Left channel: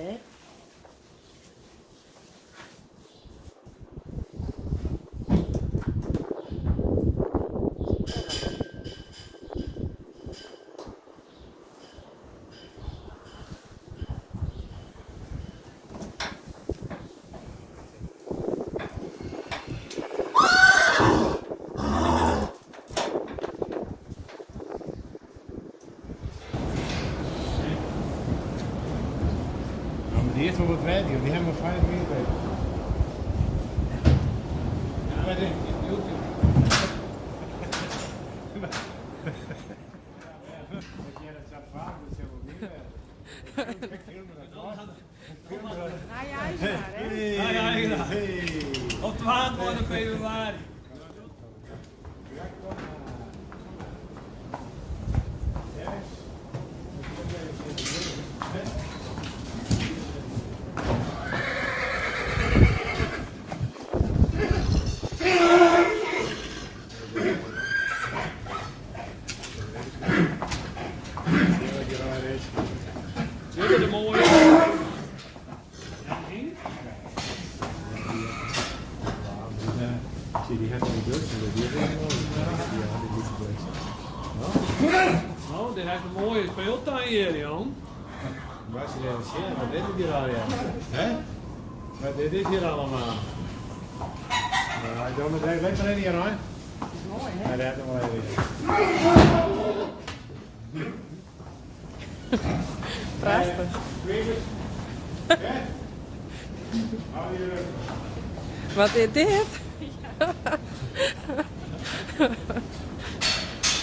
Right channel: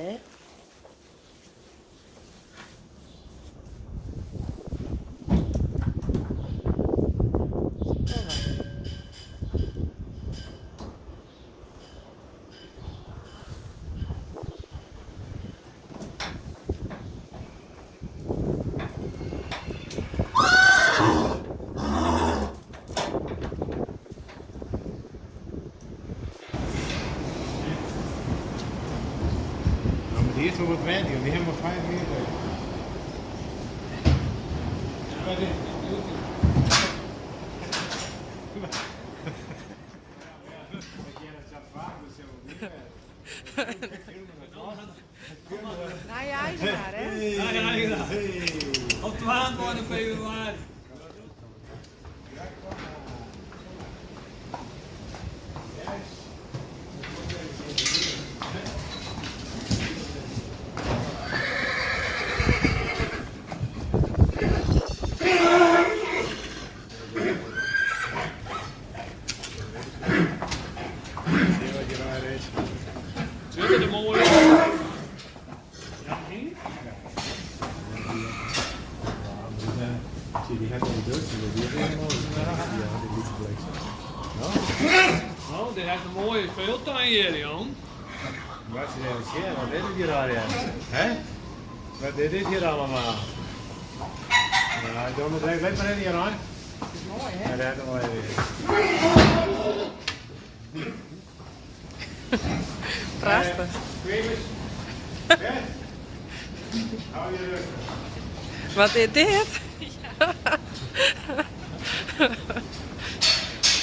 hè? Die eerste moet rijden, die hebben we 5 meter. Ja, dit Nou ja, is maar, hè? Op 12 februari. Dit is de mooie. Nou, dit heeft een mooie speeltuin hier, Jan. Wat is hier al, ja? Hè? Wat is dit hier allemaal? Ja, ik doe het even, let maar in hier, hoor. Dat is mooi, hè? Ja, dat is mooi. Prachtig. Wat is dit?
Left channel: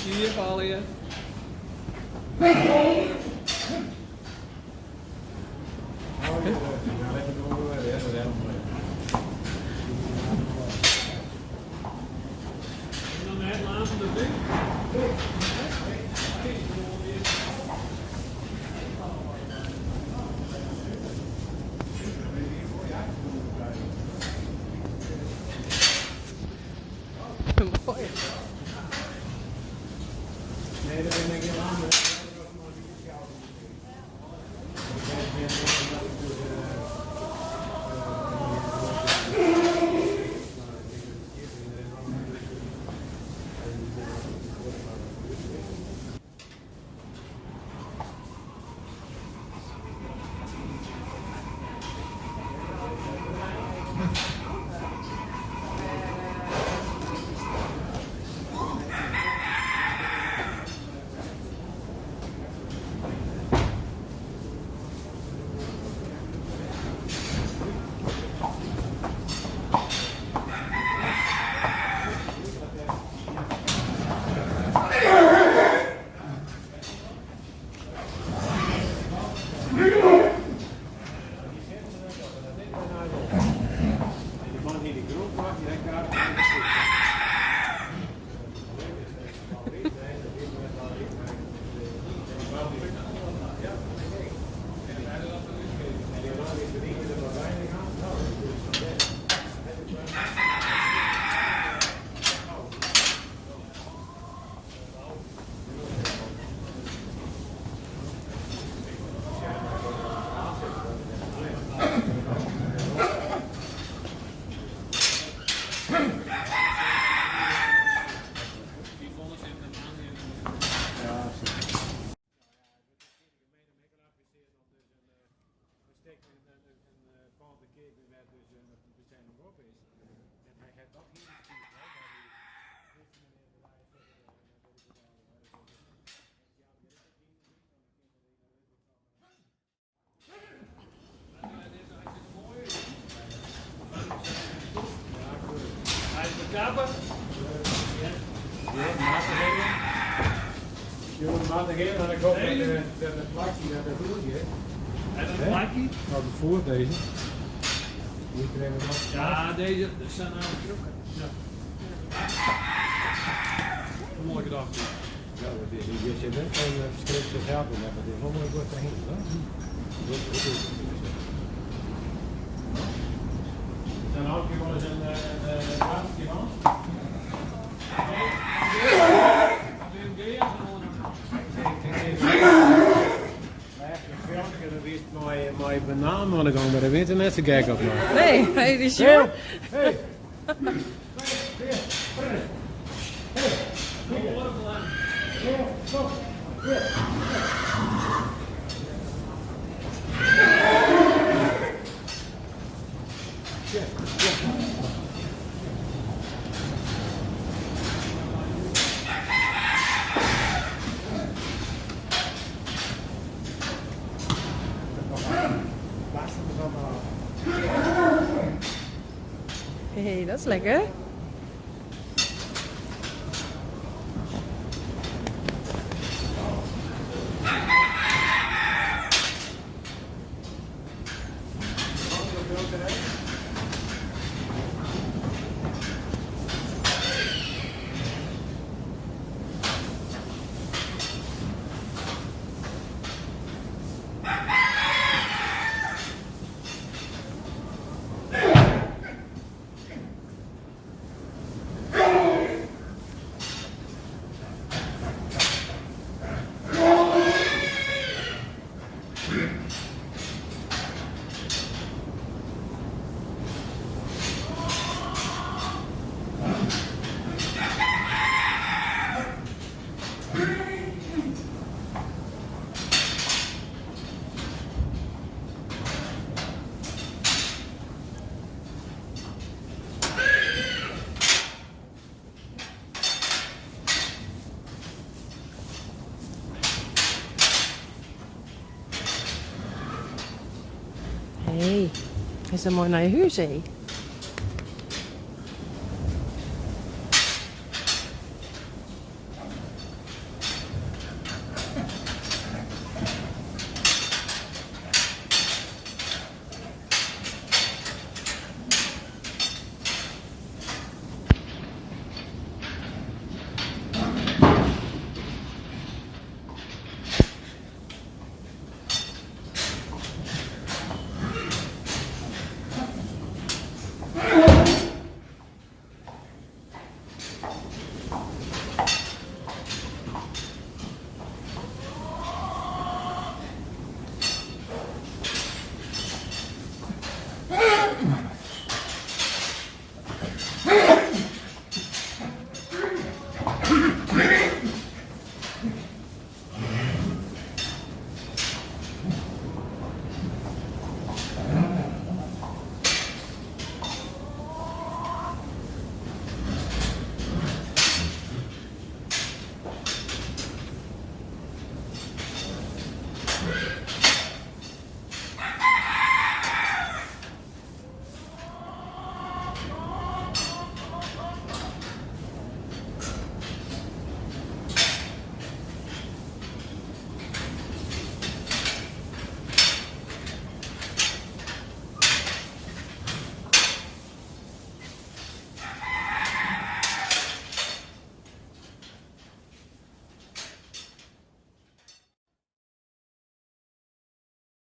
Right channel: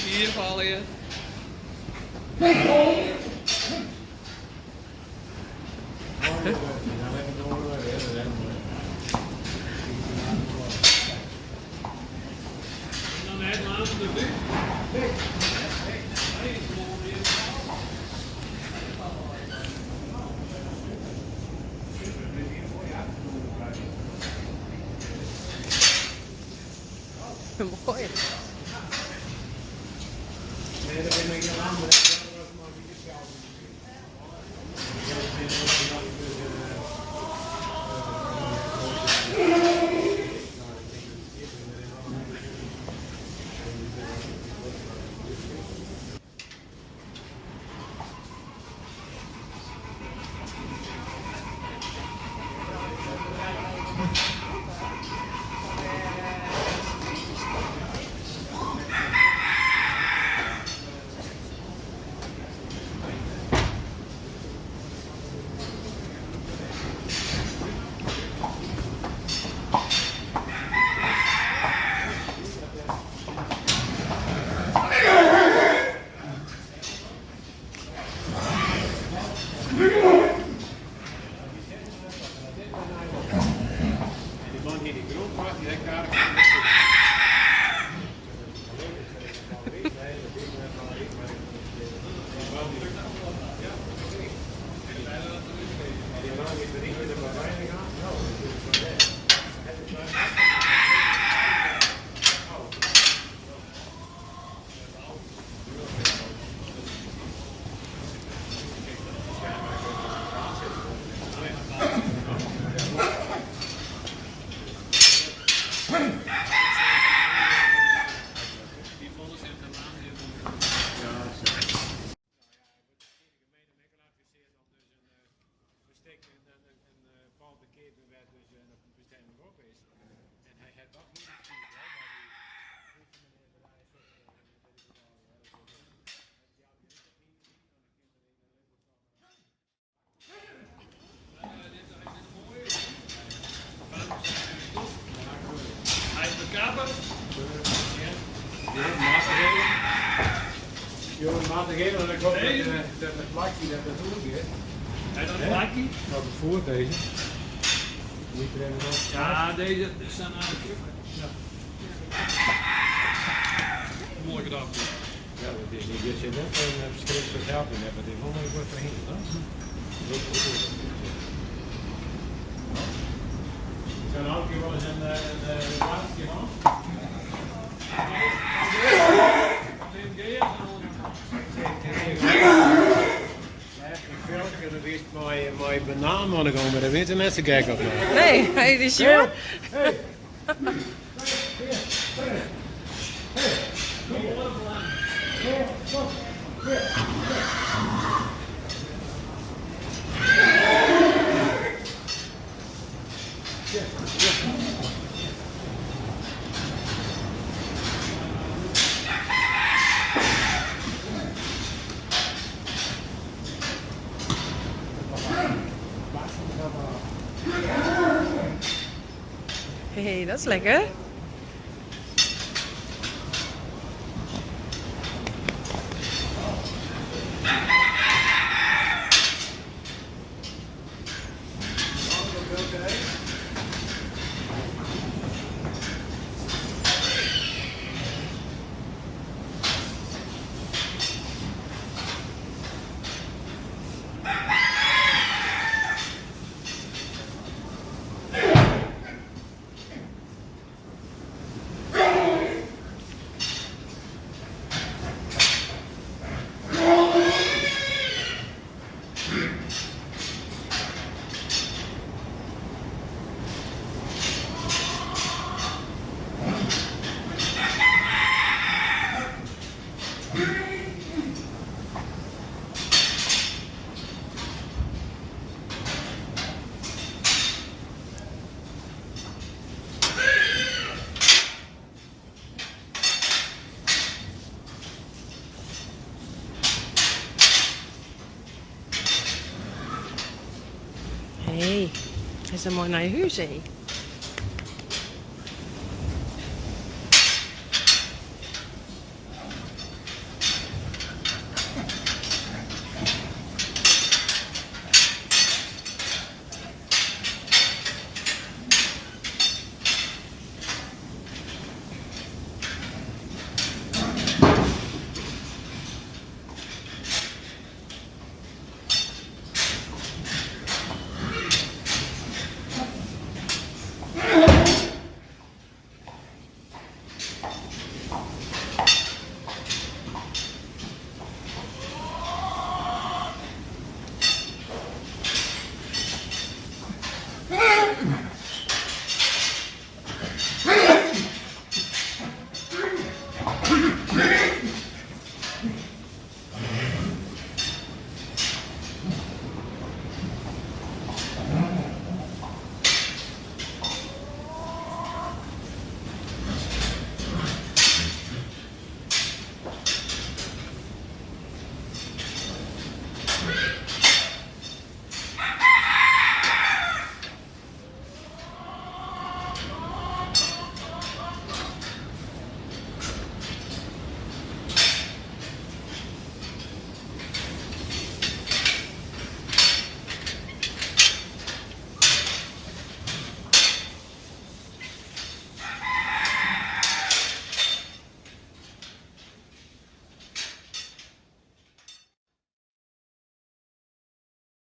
Hier val je. En dan het laatste ding. Mooi. Nee, dat ben ik niet aan. Die man die de groep maakt, die heeft Hij is de kapper. Je moet maar geven en dan komt dat het plakje dat er toe is. En dan plakje. Nou, de voer deze. Niet er even op. Ja, deze zijn aan de trucken. Ja. Mooi gedaan. Ja, dat is niet. Je zit net een verschrikkelijk geld in hebben. Die volgende wordt erheen. Zijn ook hier wel eens een plakje man? Een velkje, dat is mooi banaan. ze gek op mij. Nee, hij is je. Hey. Hé, dat is lekker. Hé, dat is een mooi naar je huis, hé.